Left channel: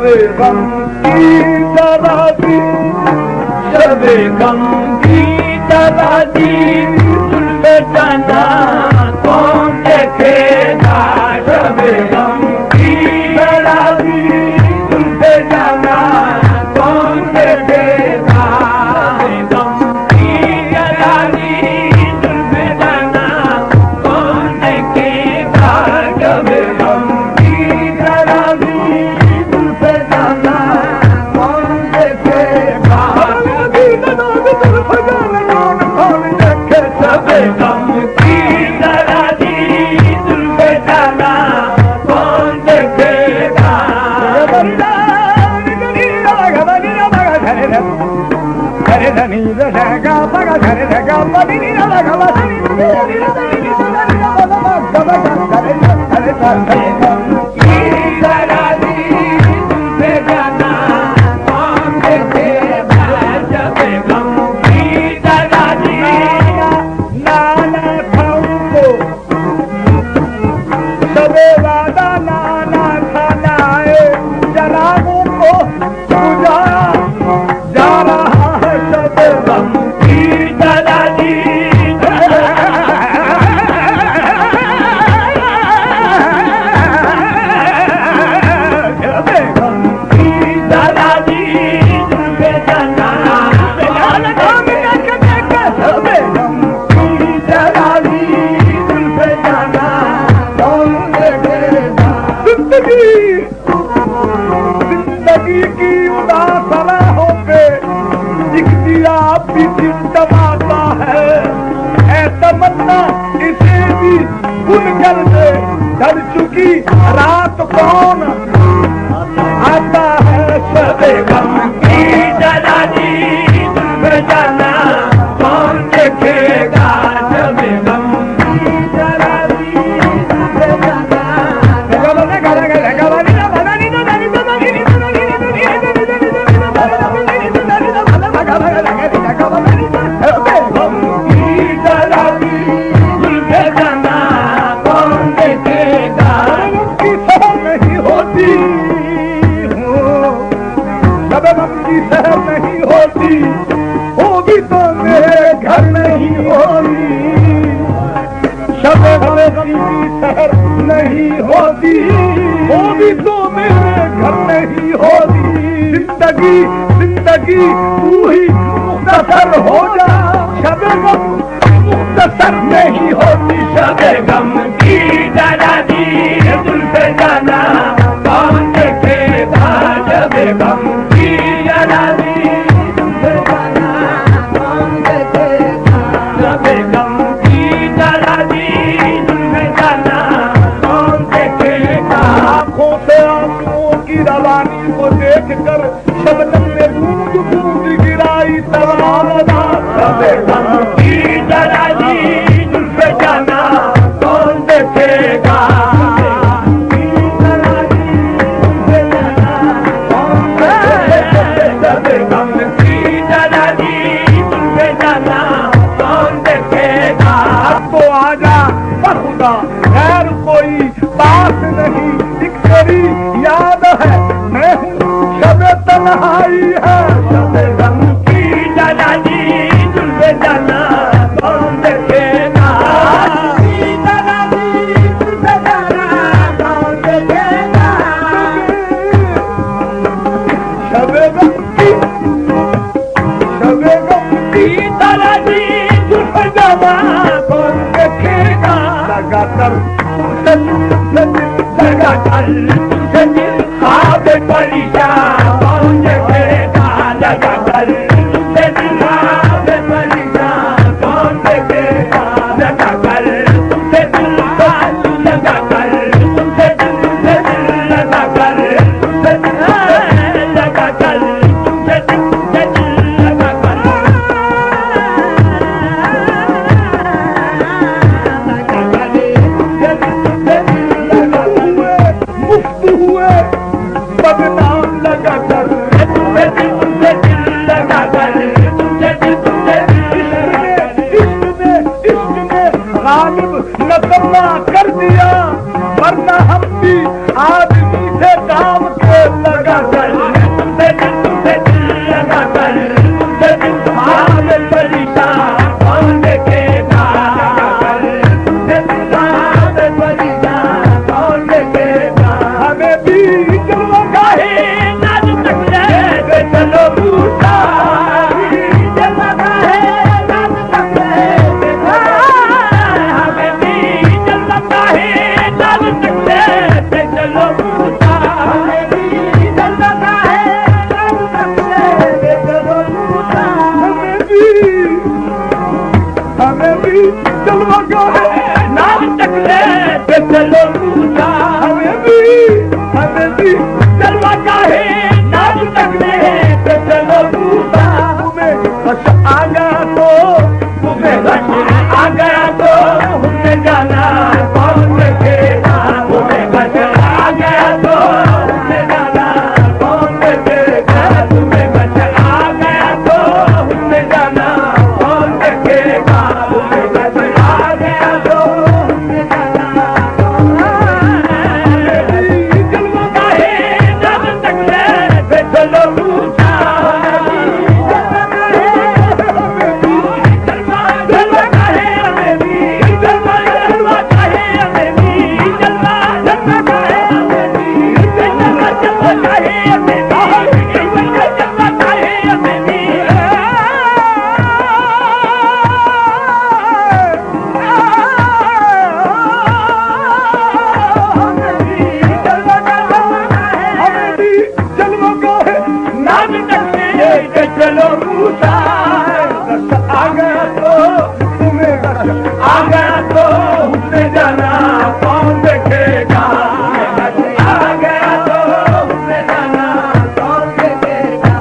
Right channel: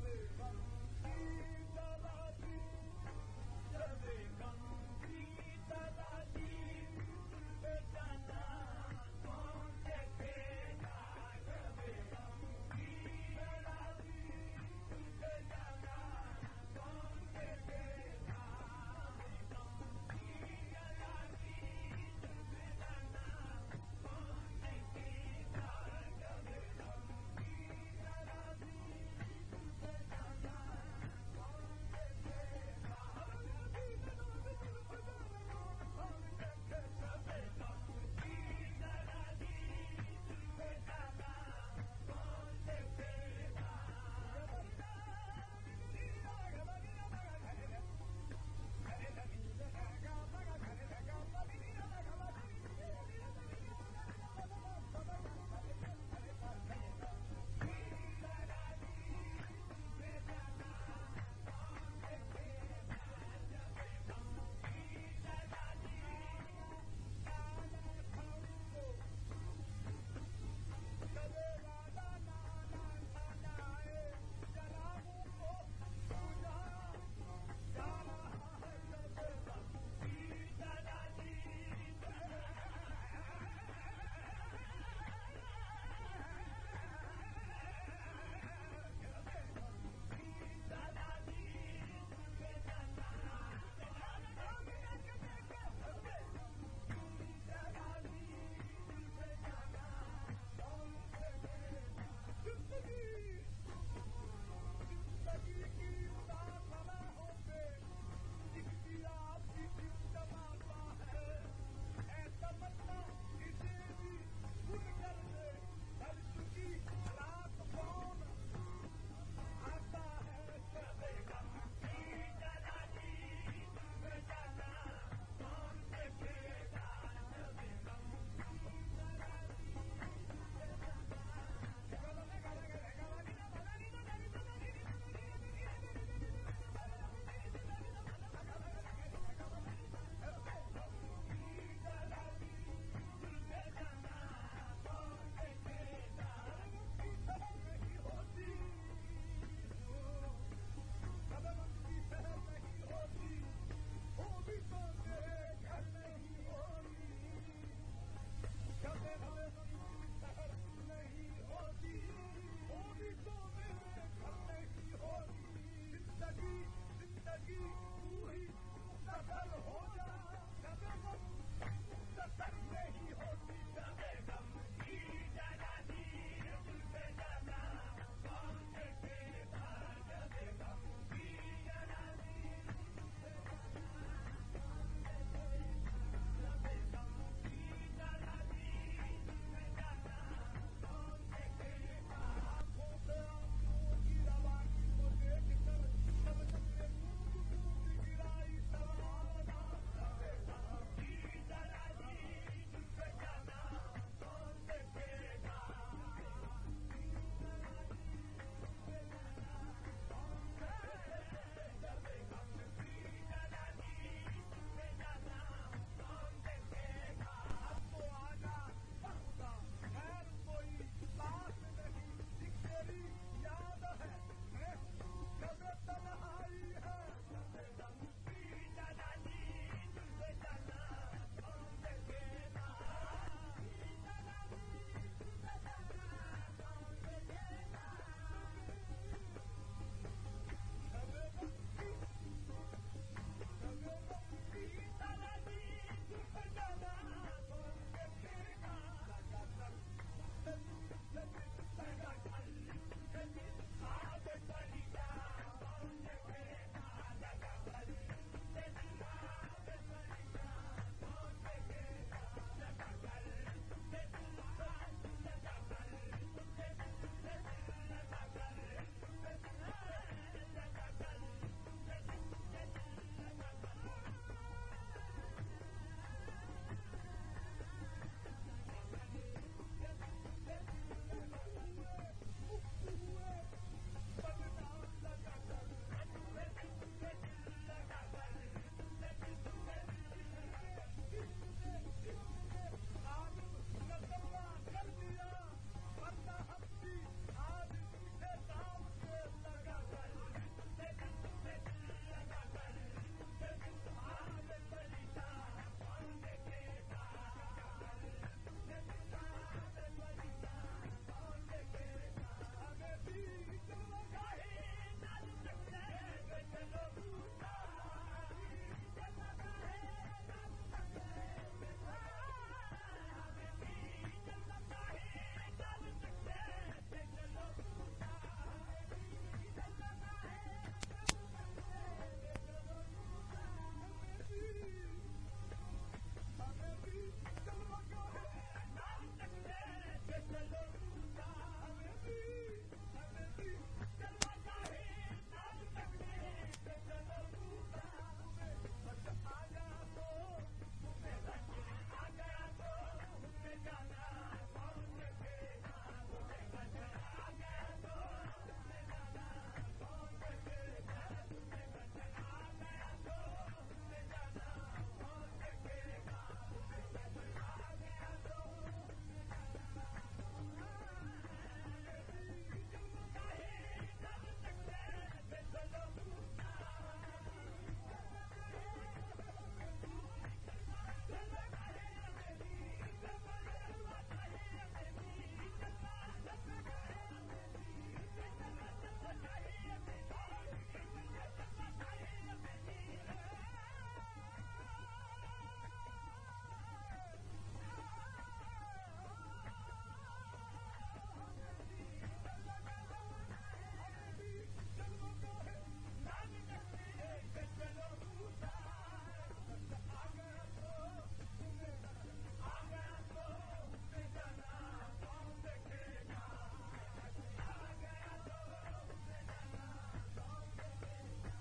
शबे गम की तराजी, शबे गम की तराजी, जुल्फे जाना कौन देखेगा। शबे गम की तराजी, जुल्फे जाना कौन देखेगा। गम की तराजी, जुल्फे जाना कौन देखेगा। शबे गम की तराजी, जुल्फे जाना कौन देखेगा। शबे गम की तराजी, जुल्फे जाना कौन देखेगा। जिंदगी की उदास राहों पे एक दिया भी टिमटिमाता है। ऐ तमन्ना इसे भी भूल कर दे, ढल चुकी रात कौन आता है। शबे गम की तराजी, जुल्फे जाना कौन देखेगा। शबे गम की तराजी, जुल्फे जाना सहर नहीं होती, होगी तो मेरे घर नहीं होगी। शबे गम की सहर नहीं होती, होगी तो मेरे घर नहीं होगी। जिंदगी जिंदगी तू ही मुख्तसर हो जा, शबे गम मुख्तसर नहीं होती। शबे गम की तराजी, जुल्फे जाना कौन देखेगा। शबे गम की तराजी, जुल्फे जाना कौन देखेगा। शबे गम की तराजी, जुल्फे जाना कौन देखेगा। आंखों से आंसुओं की रवानी को देख कर शबनम ने बूंद बूंद गिराई तराना। शबे गम की तराजी, जुल्फे जाना कौन देखेगा। शबे गम की तराजी, जुल्फे जाना कौन देखेगा। अब तो आजा बखुदा, खैर कोई बात नहीं, एक तेरी याद है मैं हूँ, शबे तन्हाई है। शबे गम की तराजी, जुल्फे जाना कौन देखेगा। शबे गम की तराजी, जुल्फे जाना कौन देखेगा। लगाकर तुझे दिल ख्वाब परेशान कौन देखेगा। लगाकर तुझे दिल ख्वाब परेशान कौन देखेगा। लगाकर तुझे दिल लगाकर तुझे दिल लगाकर तुझे दिल लगाकर तुझे दिल लगाकर मुफ्त हुए बदनाम लगाकर तुझे दिल लगाकर तुझे दिल इश्क ने गालिब नकम्मा कर दिया, वरना हम भी आदमी थे काम के लगाकर। आ गया तो तुम्हें आ गया तो हमने जाना कौन देखेगा तुम्हें आ गया तो हमने जाना कौन देखेगा तुम्हें आ गया तो हमने जाना कौन देखेगा तुम्हें आ गया तो हमने जाना जलवा गाहे जब तक ले चलो पूछा चलो पूछा आ गया तो तुम्हें आ गया तो उसने जाना कौन देखेगा आ गया तो उसने जाना कौन देखेगा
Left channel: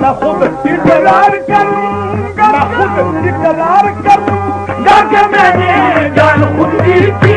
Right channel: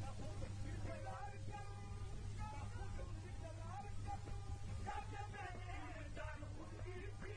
मैं खुद इकरार करूंगा मैं खुद इकरार करूंगा कि मैंने जान खुद दी थी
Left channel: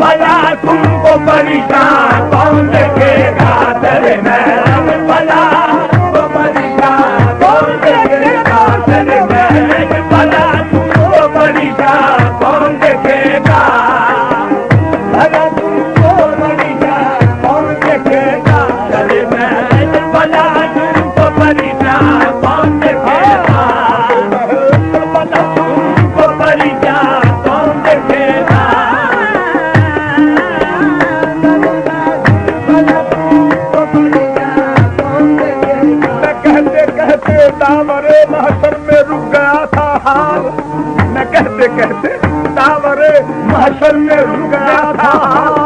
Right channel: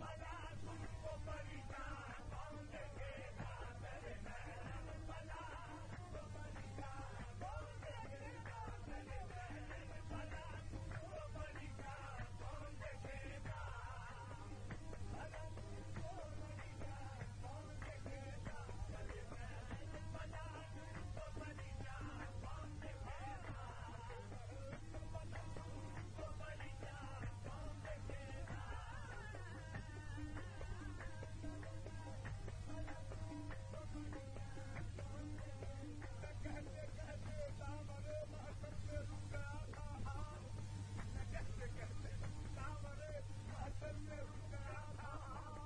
भला तुमको परेशान कौन देखेगा तेरे महल भला तुमको परेशान कौन देखेगा तेरे महल भला तुमको परेशान कौन देखेगा भला तुमको परेशान कौन देखेगा तेरे महल भला तुमको परेशान कौन देखेगा भला तुमको परेशान कौन देखेगा दावरे महशर में रुक गया था हाल मैं कहते कहते दावरे महशर में रुक गया था हाल